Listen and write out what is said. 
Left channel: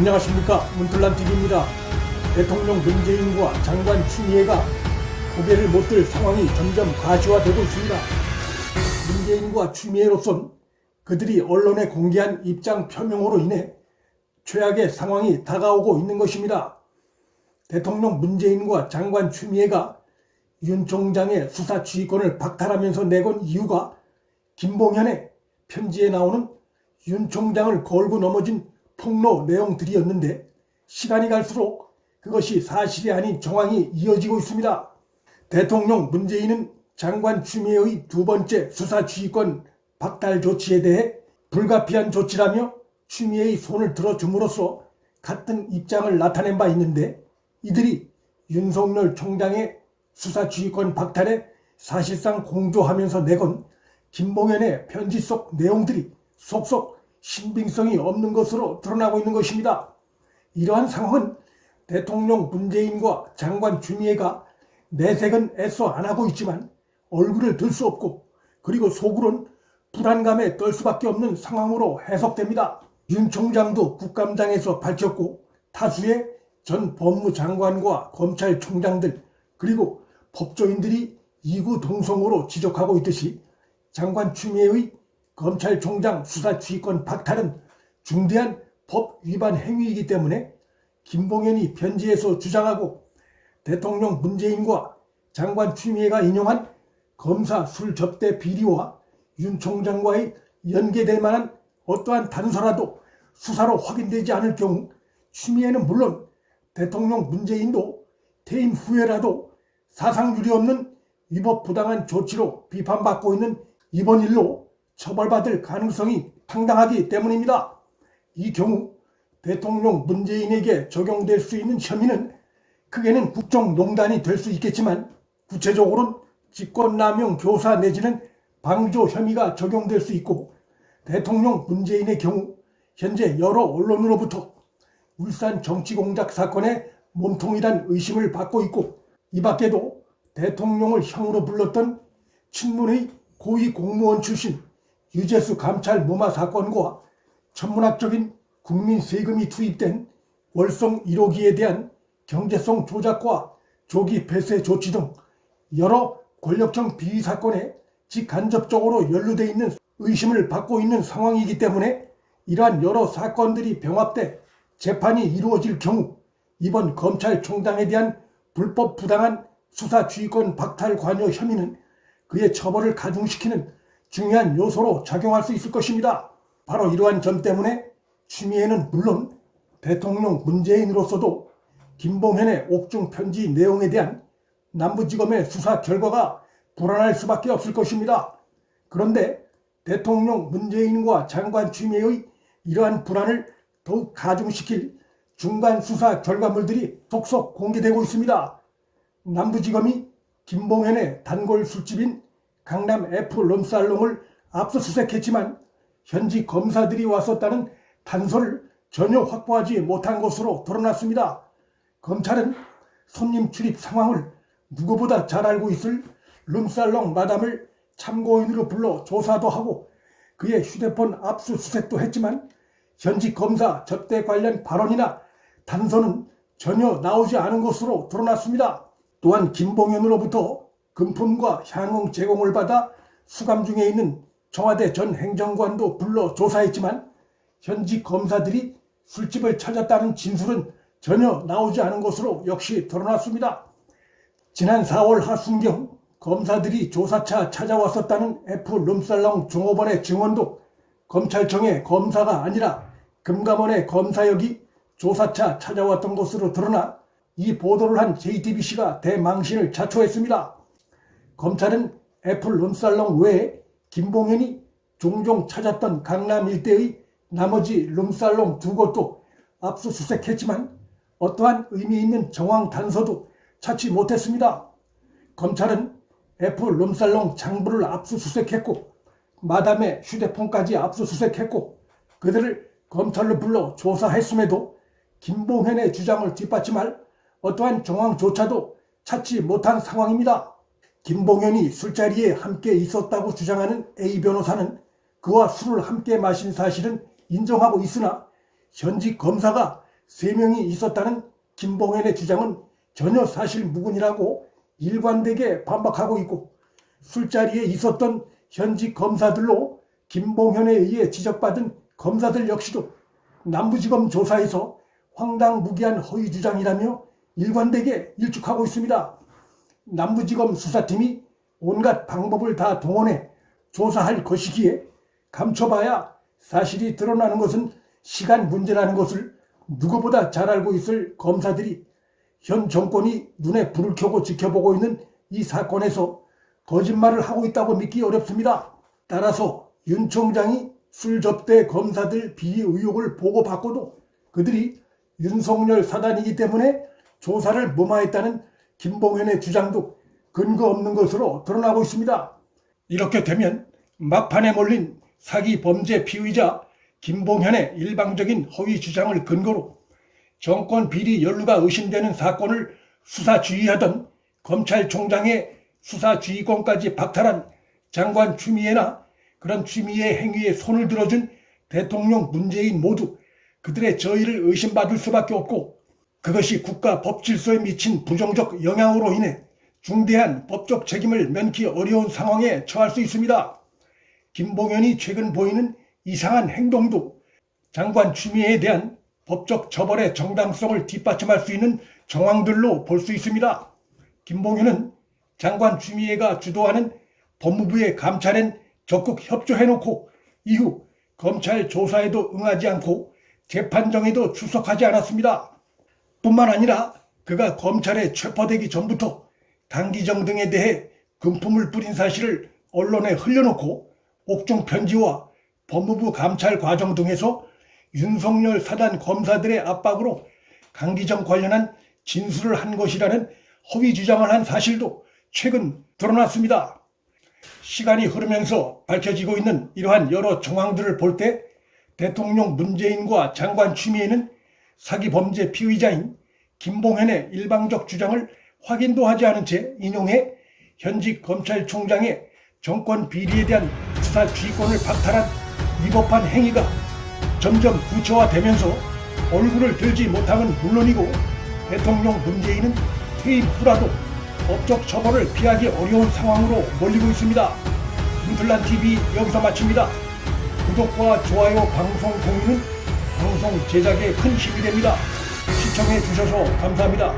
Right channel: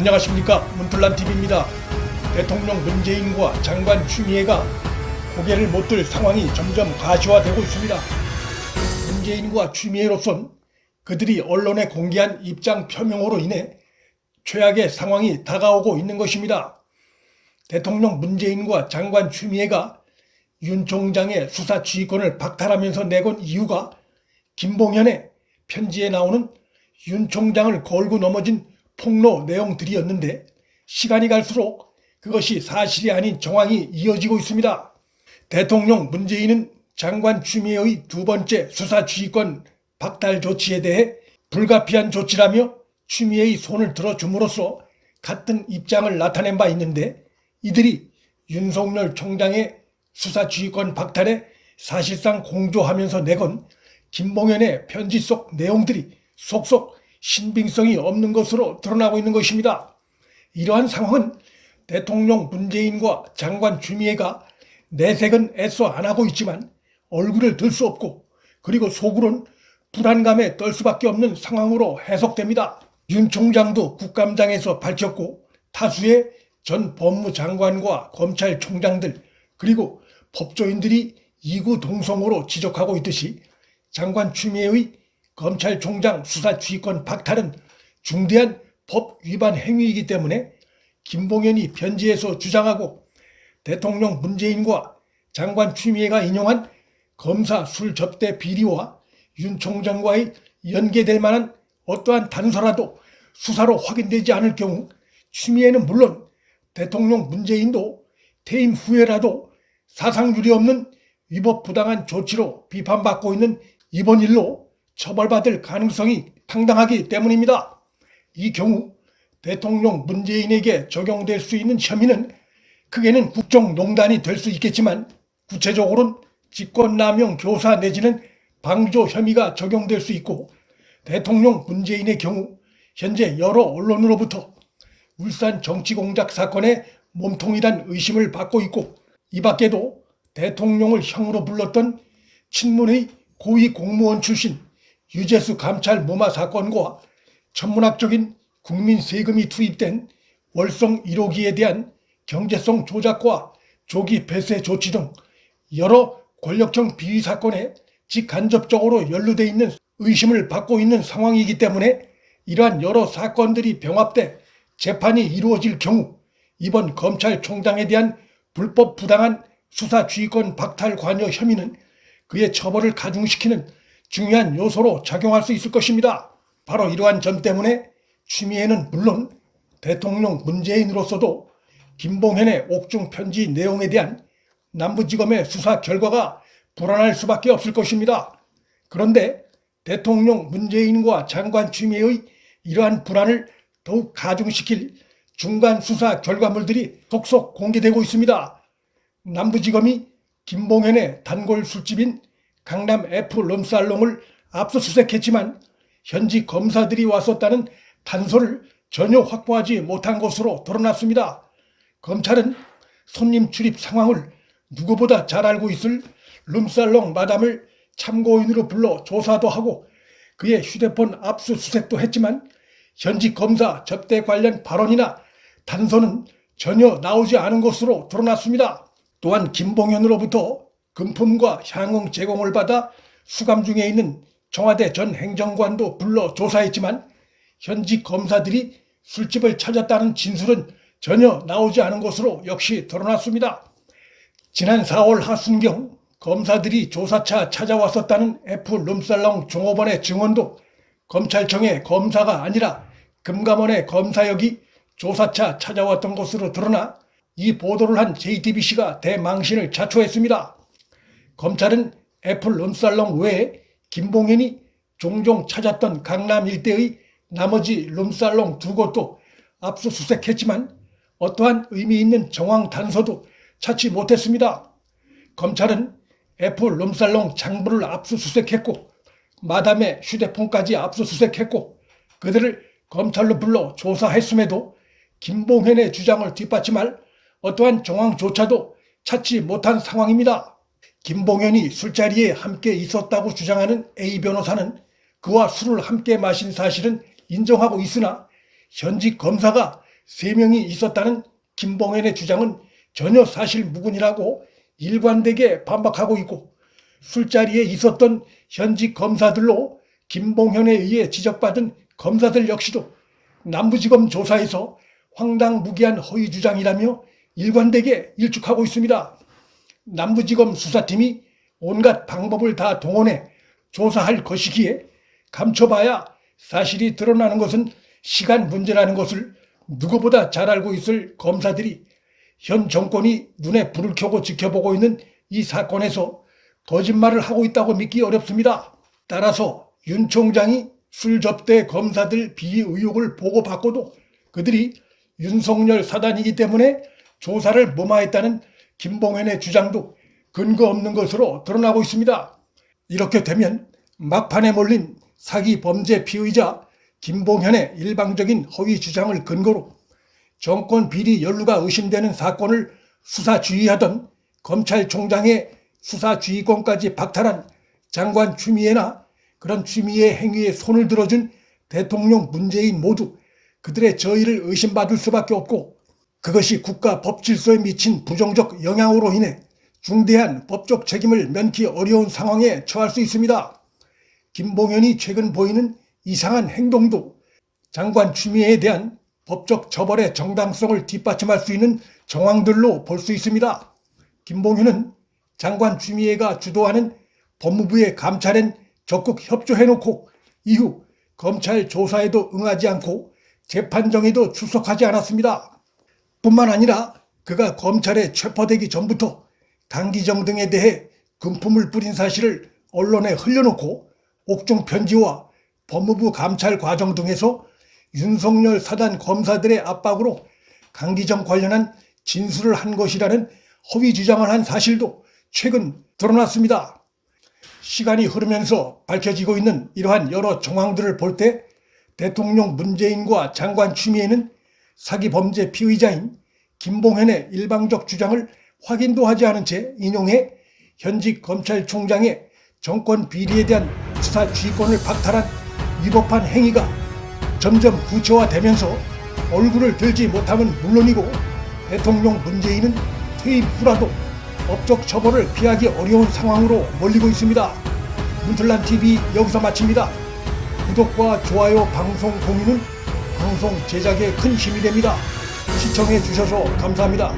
안녕하십니까, 문틀란TV입니다. 대통령 문재인과 장관 추미애가 고개를 못 들 상황이 점점 가시화되고 있습니다. 문재인과 추미애로선 그들이 언론에 공개한 입장 표명으로 인해 최악의 상황이 다가오고 있는 것입니다. 대통령 문재인과 장관 추미애가 윤 총장의 수사 지휘권을 박탈하면서 내건 이유가 김봉현의 편지에 나오는 윤 총장을 걸고 넘어진 폭로 내용들이었는데, 시간이 갈수록 그것이 사실이 아닌 정황이 이어지고 있습니다. 대통령 문재인은 장관 추미애의 두 번째 수사 지휘권 박탈 조치에 대해 불가피한 조치라며 추미애의 손을 들어줌으로써 같은 입장을 나타낸 바 있는데, 이들이 윤석열 총장의 수사 지휘권 박탈에 사실상 공조하면서 내건 김봉현의 편지 속 내용들이 속속 신빙성이 없는 것으로 드러나고 있는 것입니다. 이러한 상황은 대통령 문재인과 장관 추미애가 내색은 애써 안 하고 있지만 얼굴을 들 수 없고, 그리고 속으론 불안감에 떨 수밖에 없는 상황으로 해석됩니다. 윤 총장도 국감장에서 밝혔고, 타수의 전 법무장관과 검찰총장들 그리고 법조인들이 이구동성으로 지적하고 있듯이, 장관 추미애의 검찰총장 수사 지휘권 박탈은 중대한 법 위반 행위이기 때문에 김봉현이 편지에서 주장하고 대통령 문재인과 장관 추미애가 인용한 검사 술 접대 비리와 윤 총장과의 연계될 만한 어떠한 단서라도 수사로 확인되지 않을 경우, 추미애는 물론 대통령 문재인도 퇴임 후에라도 사상유례 없는 위법부당한 조치로 비판받고 있는 이번 일로 처벌받을 가능성이 상당하기 때문입니다. 이 경우 대통령 문재인에게 적용될 수 있는 혐의는 크게는 국정농단이 될 수 있겠지만, 구체적으로는 직권남용 교사 내지는 방조 혐의가 적용될 수 있고, 대통령 문재인의 경우 현재 여러 언론으로부터 울산 정치공작 사건의 몸통이란 의심을 받고 있고, 이 밖에도 대통령을 형으로 불렀던 친문의 고위 공무원 출신 유재수 감찰 무마 사건과 천문학적인 국민 세금이 투입된 월성 1호기에 대한 경제성 조작과 조기 폐쇄 조치 등 여러 권력형 비위 사건에 직간접적으로 연루돼 있는 의심을 받고 있는 상황이기 때문에, 이러한 여러 사건들이 병합돼 재판이 이루어질 경우 이번 검찰총장에 대한 불법 부당한 수사 지휘권 박탈 관여 혐의는 그의 처벌을 가중시키는 중요한 요소로 작용할 수 있을 것입니다. 바로 이러한 점 때문에 추미애는 물론 대통령 문재인으로서도 김봉현의 옥중 편지 내용에 대한 남부지검의 수사 결과가 불안할 수밖에 없을 것입니다. 그런데 대통령 문재인과 장관 추미애의 이러한 불안을 더욱 가중시킬 중간 수사 결과물들이 속속 공개되고 있습니다. 남부지검이 김봉현의 단골 술집인 강남 F 룸살롱을 압수수색했지만 현지 검사들이 왔었다는 단서를 전혀 확보하지 못한 것으로 드러났습니다. 검찰은 손님 출입 상황을 누구보다 잘 알고 있을 룸살롱 마담을 참고인으로 불러 조사도 하고 그의 휴대폰 압수수색도 했지만 현지 검사 접대 관련 발언이나 단서는 전혀 나오지 않은 것으로 드러났습니다. 또한 김봉현으로부터 금품과 향응 제공을 받아 수감 중에 있는 청와대 전 행정관도 불러 조사했지만 현지 검사들이 술집을 찾았다는 진술은 전혀 나오지 않은 것으로 역시 드러났습니다. 지난 4월 하순경 검사들이 조사차 찾아왔었다는 F 룸살롱 종업원의 증언도 검찰청의 검사가 아니라 금감원의 검사역이 조사차 찾아왔던 것으로 드러나 이 보도를 한 JTBC가 대망신을 자초했습니다. 검찰은 F 룸살롱 외에 김봉현이 종종 찾았던 강남 일대의 나머지 룸살롱 두 곳도 압수수색했지만 어떠한 의미 있는 정황 단서도 찾지 못했습니다. 검찰은 F 룸살롱 장부를 압수수색했고 마담의 휴대폰까지 압수수색했고 그들을 검찰로 불러 조사했음에도 김봉현의 주장을 뒷받침할 어떠한 정황조차도 찾지 못한 상황입니다. 김봉현이 술자리에 함께 있었다고 주장하는 A 변호사는 그와 술을 함께 마신 사실은 인정하고 있으나 현직 검사가 3명이 있었다는 김봉현의 주장은 전혀 사실 무근이라고 일관되게 반박하고 있고, 술자리에 있었던 현직 검사들로 김봉현에 의해 지적받은 검사들 역시도 남부지검 조사에서 황당무계한 허위 주장이라며 일관되게 일축하고 있습니다. 남부지검 수사팀이 온갖 방법을 다 동원해 조사할 것이기에 감춰봐야 사실이 드러나는 것은 시간 문제라는 것을 누구보다 잘 알고 있을 검사들이 현 정권이 눈에 불을 켜고 지켜보고 있는 이 사건에서 거짓말을 하고 있다고 믿기 어렵습니다. 따라서 윤 총장이 술 접대 검사들 비위 의혹을 보고받고도 그들이 윤석열 사단이기 때문에 조사를 무마했다는 김봉현의 주장도 근거 없는 것으로 드러나고 있습니다. 이렇게 되면 막판에 몰린 사기 범죄 피의자 김봉현의 일방적인 허위 주장을 근거로 정권 비리 연루가 의심되는 사건을 수사주의하던 검찰총장의 수사주의권까지 박탈한 장관 추미애나 그런 추미애 행위에 손을 들어준 대통령 문재인 모두 그들의 저의를 의심받을 수밖에 없고, 그것이 국가 법질서에 미친 부정적 영향으로 인해 중대한 법적 책임을 면키 어려운 상황에 처할 수 있습니다. 김봉현이 최근 보이는 이상한 행동도 장관 추미애에 대한 법적 처벌의 정당성을 뒷받침할 수 있는 정황들로 볼 수 있습니다. 김봉현은 장관 추미애가 주도하는 법무부의 감찰엔 적극 협조해놓고 이후 검찰 조사에도 응하지 않고 재판정에도 출석하지 않았습니다. 뿐만 아니라 그가 검찰에 체포되기 전부터 강기정 등에 대해 금품을 뿌린 사실을 언론에 흘려놓고 옥중 편지와 법무부 감찰 과정 등에서 윤석열 사단 검사들의 압박으로 강기정 관련한 진술을 한 것이라는 허위 주장을 한 사실도 최근 드러났습니다. 시간이 흐르면서 밝혀지고 있는 이러한 여러 정황들을 볼 때 대통령 문재인과 장관 추미애는 사기 범죄 피의자인 김봉현의 일방적 주장을 확인도 하지 않은 채 인용해 현직 검찰총장의 정권 비리에 대한 수사 주의권을 박탈한 위법한 행위가 점점 구체화되면서 얼굴을 들지 못함은 물론이고 대통령 문재인은 퇴임 후라도 법적 처벌을 피하기 어려운 상황으로 몰리고 있습니다. 문틀란TV 여기서 마칩니다. 구독과 좋아요, 방송 공유는 방송 제작에 큰 힘이 됩니다. 시청해 주셔서 감사합니다.